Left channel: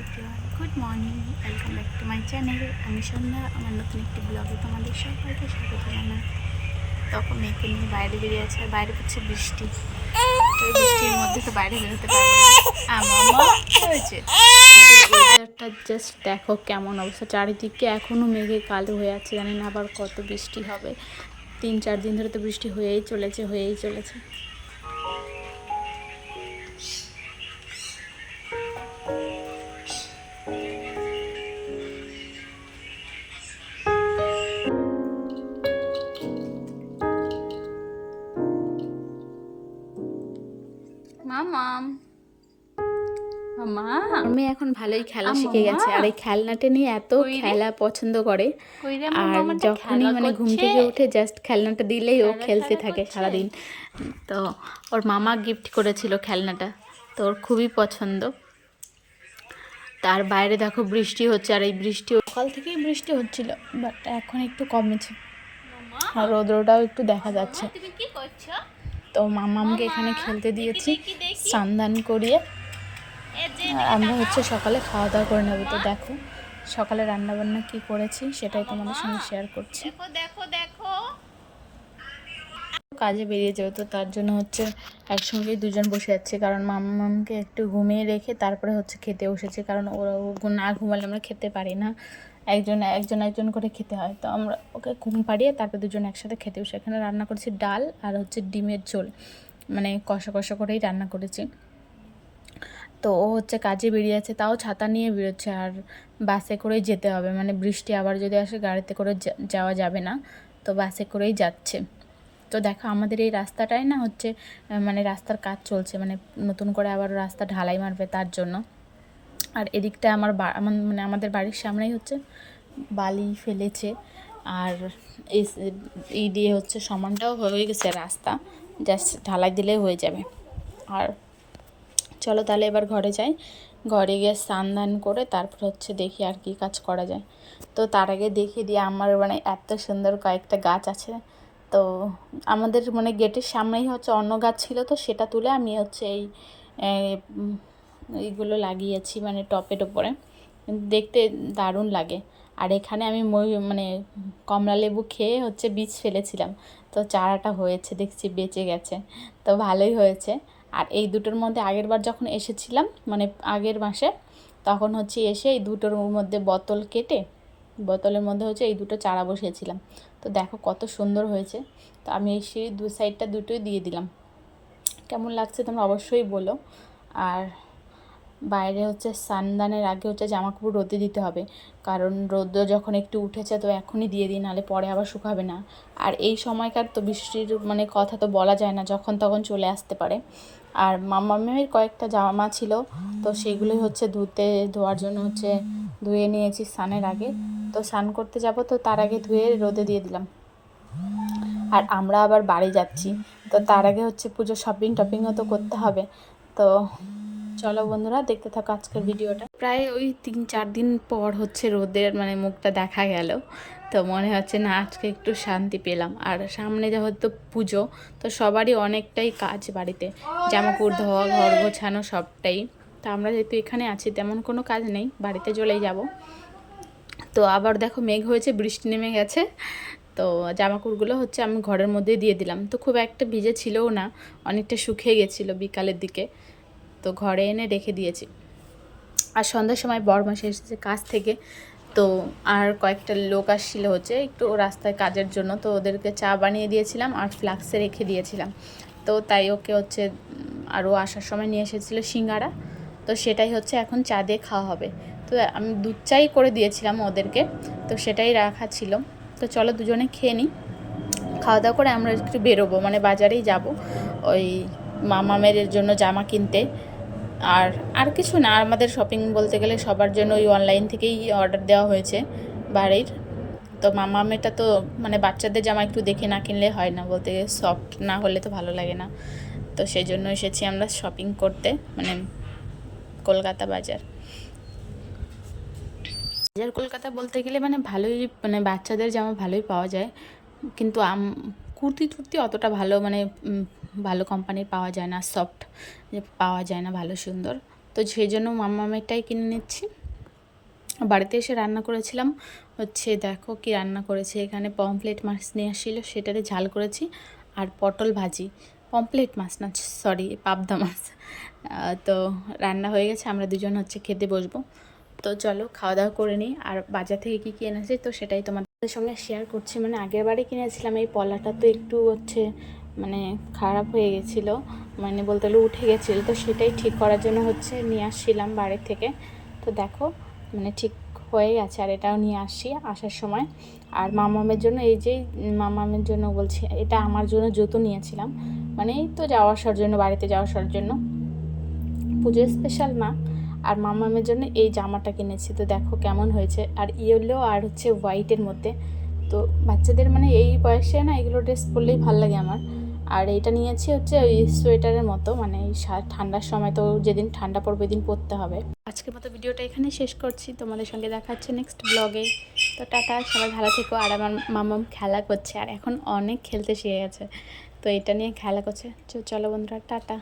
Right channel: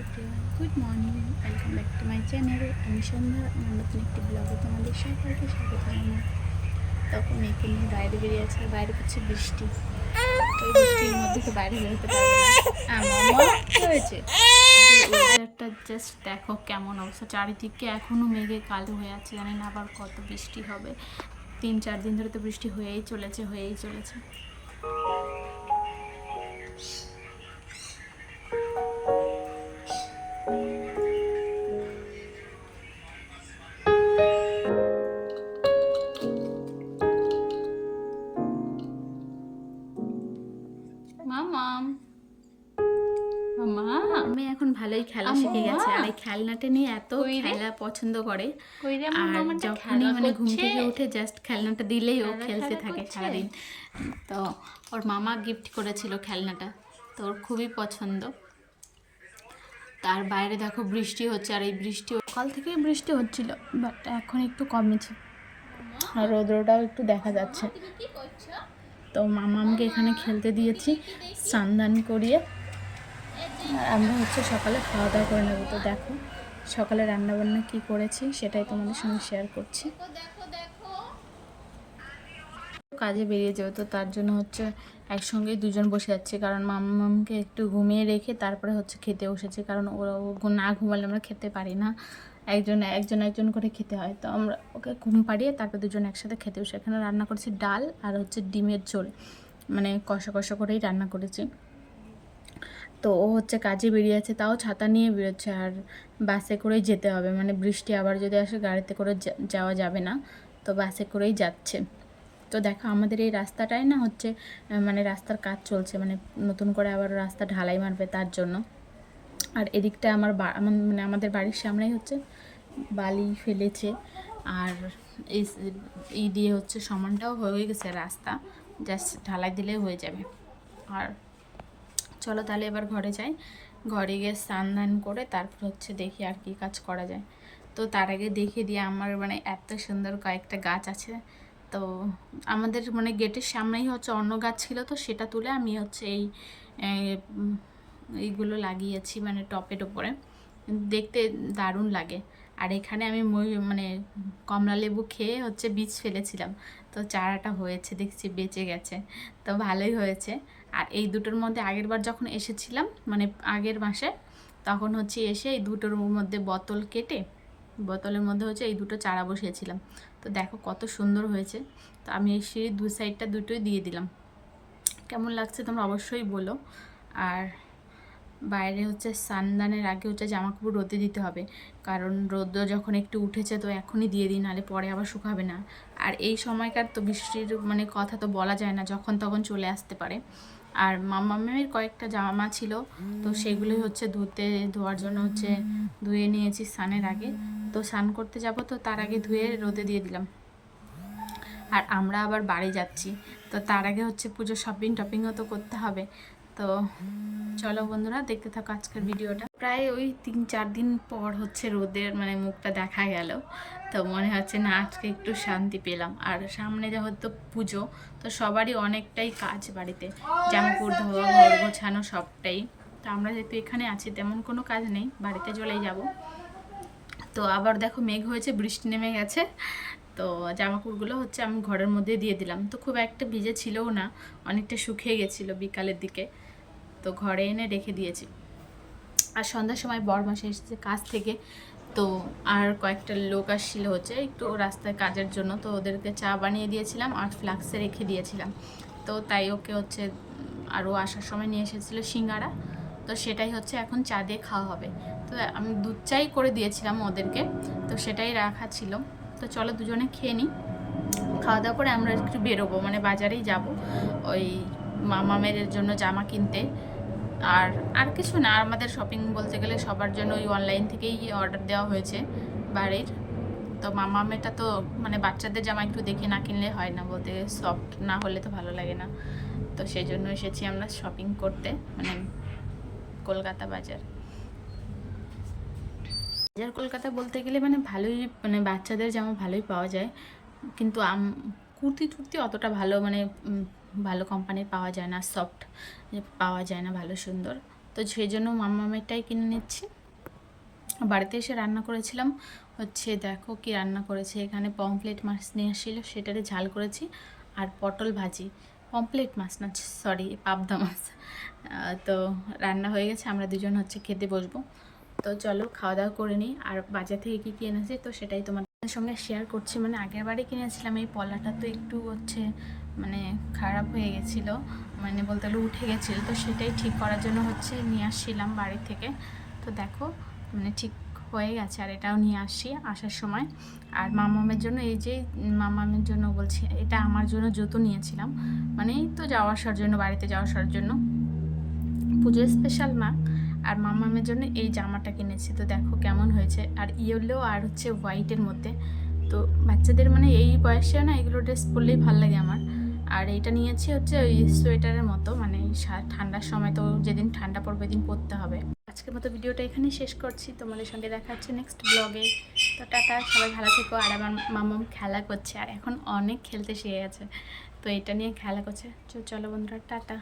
Everyone good morning, welcome back to my channel. আমি সন্ধ্যা, আমার নতুন একটি ব্লগে তোমাদের সবাইকে স্বাগত জানাই। তখন মেয়েকে নিয়ে বাইরে বেরিয়ে আছে আর বাইরে পড়ছে বৃষ্টি। বৃষ্টির মধ্যে তো বাইরে বেরোতে পারব না। আমার জাস্ট দেখো কেমন অবস্থা। চারিদিকে এখনও মেঘে কালো হয়ে আছে, জানি না আবার কত বৃষ্টি হবে। তিন, চার দিন ধরে তো বৃষ্টি হয়েই চলেছে হয়েই চলেছে। ভালোই খেলা শিখে গেছে। আর এই খেলনাটা নিয়ে এত খেলা পছন্দ করে। আর যখনই মানে ঘুম থেকে উঠে জাস্ট খেলনাটা দিলেই ও খেলতে থাকে সারাদিন। তো ওর মামা গিফট করেছিল খেলনাটা। তো ওর খুবই পছন্দ। তার বাইরে দেখো বৃষ্টি হচ্ছে। আর এই বৃষ্টি সকাল থেকেই বৃষ্টি হচ্ছিল বাট এখন একটু কমেছে। আর রৌদ্রটাও একটু দেখা যাচ্ছে। তো মামামকে এখানে খেলতে দিয়েছি। সান্দান করিয়ে। আমরা হচ্ছে সকালে খাওয়া দাওয়া করে নেব। তো দেখো সকালে রান্নাবান্না কি করেছি সেটাই তোমাদের সঙ্গে শেয়ার করছি। দেখো দেখো কাজে বেরিয়ে যাবে তো তার জন্য হচ্ছে একসঙ্গেই দুজন বসে যাচ্ছে। কারণ মামামকে একটু ঘুমিয়ে রেখে তারপরে হচ্ছে খেতে বসেছে। কারণ ওরা ও না ঘুমালে আমরা খেতে পারি না। একজন একজন একজন করে খেতে হয়। তো আমরা ওকে ঘুম পাড়িয়ে তারপর দুজন একসাথে খেতে বসে। এখানে রান্না করেছি ডাল আর হচ্ছে ডিমের ঝোল। মানে কষা কষা করেই রান্না করেছি। তো ও হচ্ছে কাজে বেরিয়ে আছে তাও ছাতা নিয়ে বেরোচ্ছে আর বাসে করেই যেতে হবে। মানে বৃষ্টি আবার যদি আসে গাড়িতে করে যাওয়া যাবে না, তো বাসে করেই যাচ্ছে। তো দেখো আমাদের এই রাস্তাটাই না হচ্ছে মানে রাস্তার কাজ চলছে মানে নতুন করে আবার রাস্তা ঢালাই মারবে তার জন্য। আর এদিকটা আমার মানে আমাদের বাড়ির সামনেই হচ্ছে বালি ফেলেছে আর এই দিয়ে হচ্ছে সমানটাও হয়ে গেছে রাস্তা, জাস্ট ঢালাই দিলেই হয়ে যাবে। আর চলো তাহলে এবার ঘরে যাই। ঘরে গিয়ে স্নান দান করে তারপর হচ্ছে দেখি আর কি কাজ করা যায়। তো তার আগে দেখিয়ে দিয়ে আমার মানে এত সুন্দর কয়েকটা গাছ আছে। তো আমাদের মানে গেটের সামনেই হচ্ছে অন্য গাছ ছিল তো সেটা তুলে আমি হচ্ছে এই এইগুলো লাগিয়েছি মানে টপের ওপরে দেখতে দারুণ লাগে। আর এখানে আমি মানে কমলা লেবু খেয়ে হচ্ছে বীজ ফেলেছিলাম। তো চারাটা হয়েছে, দেখছি বেঁচে গেছে। তো ভালোই হয়েছে। আর এই দুটোর মধ্যে আগের বার যখন এসেছিলাম মানে আগের মাসে, তখন হচ্ছে এসে এই দুটোর মধ্যে বোতল কেটে, বোতলের মধ্যে হচ্ছে এই দুটো চারা বসিয়েছিলাম। তো দেখো কত সুন্দর হয়েছে। তো আমি এই সিঁড়ির দু সাইডটা দুটোই দিয়ে দিলাম। কেমন লাগছে তোমরা অবশ্যই বলো। আর বাইরে হচ্ছে সানদানের আগে হচ্ছে জামা কাপড় রোদে দিতে হবে। কারণ রোদ্র যখন একটু উঠেছে তো এখনই দিয়ে দিই, নাহলে পরে আবার শুকাবে না। আর এই সময়কার তো বৃষ্টির মানে কথা তো বলা যায় না, যখন তখন চলে আসতে পারে। আর মামামের কয়েকটা জামা ছিল, তো সেগুলোই হচ্ছে ধুতে, ধোয়ার জন্য হচ্ছে ধুয়ে নিয়েছি স্নানের আগে। তো স্নান করতে যাব, তো তার আগে ধুয়ে রোদে দিয়ে দিলাম। আর আমরা আবার বাড়ি যাচ্ছি, তো তার আগে হচ্ছে পুজো শপিং টপিংও তো করতে হবে। তো চলো বন্ধুরা, দেখতে থাকো আজকের ভিডিওটা। প্রায় ওই তিন চার দিন পর হচ্ছে রোদের মানে মুখটা দেখা গেল। তো মনে হচ্ছে না আজকে একটু শান্তি পেলাম। আর সামনে যেহেতু পুজো, তো সবারই অনেকটাই কাজ বাড়িতে। জামাকাপড়, ধোয়া, ঘর গোছানো সবটাই। তো আমরা যেহেতু এখানে আছি, তেমন কোনো কাজ নেই, বাড়িতে চলেই যাব। তো আবার দেখো মেঘ হয়েছে, বৃষ্টি নেমে গেছে। তো জামাকাপড়গুলো হচ্ছে আমি ঘরের মধ্যে দিয়ে দিলাম। তো খুব একটা ভিজে ছিলও না, অনেকটা শুকিয়ে গেছিল বিকালের দিকে। তো ঘরে এনে রেখে দিয়েছি। আর সন্ধ্যার সময় বরমাসে এসেছে কাজ থেকে তো আর কয়েকটা লোক আসছিল হচ্ছে একটু রাস্তায় কাজের জন্য, তো ওদেরকে চা বানিয়ে দিয়েছিলাম আর ফ্লাক্সে রেখে দিয়েছিলাম। তো তাই ওকে হচ্ছে আরও আসার সময় নিয়ে এসেছিল সিঙ্গারা। তো সেটাই হচ্ছে এখন চা দিয়ে খাওয়া হবে। তো আমি দুধ চাই করে দিয়েছিলাম ওদেরকে, তো সেটাই রাখা ছিল। তো চলো দুজনে খেয়ে নিই। খাওয়া দাওয়া করে আমরা একটু বেরোবো মানে বাজারেই যাব। ওই মামামের জন্য জামা কিনতে। আর আর কিছু না আমাদের শপিং বলতে গেলে সবার জন্য ওই অনলাইন থেকেই অর্ডার দেওয়া হয়েছে বাড়ির। তো মামামেটা তো মানে বাচ্চাদের জামা একটু দেখে না কিনলে হয় না, বলতে গেলে সফট না হলে তো ভালো লাগে না। তো সেই জন্য এসেছি আমরা শপিং করতে মানে কলকাতা বাজার। বাজার কলকাতা বলতে গেলে মানে ভালোই মানে বাচ্চাদের জামা ভালোই পাওয়া যায়। কিন্তু কুর্তি টুর্তি অতটা ভালো মানে ভালো কোম্পানির পাওয়া যায় না সফট পাওয়া যায় না, ভালো, সুন্দর। তো সেই জন্য মাম্মামেরটাই কিনে নিচ্ছি। বাড়িতে এসে রান্না করেছিলাম, হচ্ছে দেখো কি রান্না করেছি। এখানে পমপ্লেট মাছ নিয়ে আসছিল, সেটাতে ঝাল করেছি আর পটল ভাজি। পমপ্লেট মাছ না, সরি, পাবদা মাছ। তো রান্না হয়ে গেছে, আমরা দুজন হচ্ছে খেতে বসবো। তো চলো খাওয়া দাওয়া করে নিই। আর বাজার থেকে কী কী এনেছি, তো সেটাই তোমাদের সঙ্গে শেয়ার করছি। মানে আগের বারে কিনেছিলাম, এই পলাটা তো একটু হচ্ছে মানে খারাপ হয়ে গেছিল মানে বলতে গেলে উঠে গেছিল, তো সেটাই ঠিক করার জন্য হচ্ছে নিয়ে আসছিলাম বাড়ির থেকে। তো দেখো মানে ঠিক হয়ে গেছে আর এটাও নিয়ে আসি আসার সময়। আর মামামের জন্য এই যে, মামামের জন্য বলছি, এটা আমার জন্য জুতো নিয়েছিলাম। মানে এই তো যাওয়া আসার জন্য, বাড়িতে যাওয়া আসার জন্য। পুজোর স্পেশাল মা, আর মামামের জন্য এই জামাটা কিনেছি। তো দেখো কেমন হয়েছে, আর ইয়েলো আর হচ্ছে হোয়াইটের মধ্যে। তো বাচ্চাদের মানে এই বয়সে না এগুলো ড্রেস পরলেই ভালো লাগে আমার। আর এটা নিয়েছি হচ্ছে ওই সোয়েটারের মতো মানে ঠান্ডার সময় তো যেদিন ঠান্ডা পড়বে দিন পরতে হবে। আজকের মতো ভিডিওটা এখানে শেষ করছি, তোমাদের সঙ্গে দেখা হচ্ছে নেক্সট ব্লগে তো টাটা, সবাই ভালো থেকো। আর আমার মামাম খেলা করছে, আর এখন অনেক খেলতে শিখে গেছে। তো এটা নিয়ে খেলা করছে। চলো বন্ধুরা, টাটা।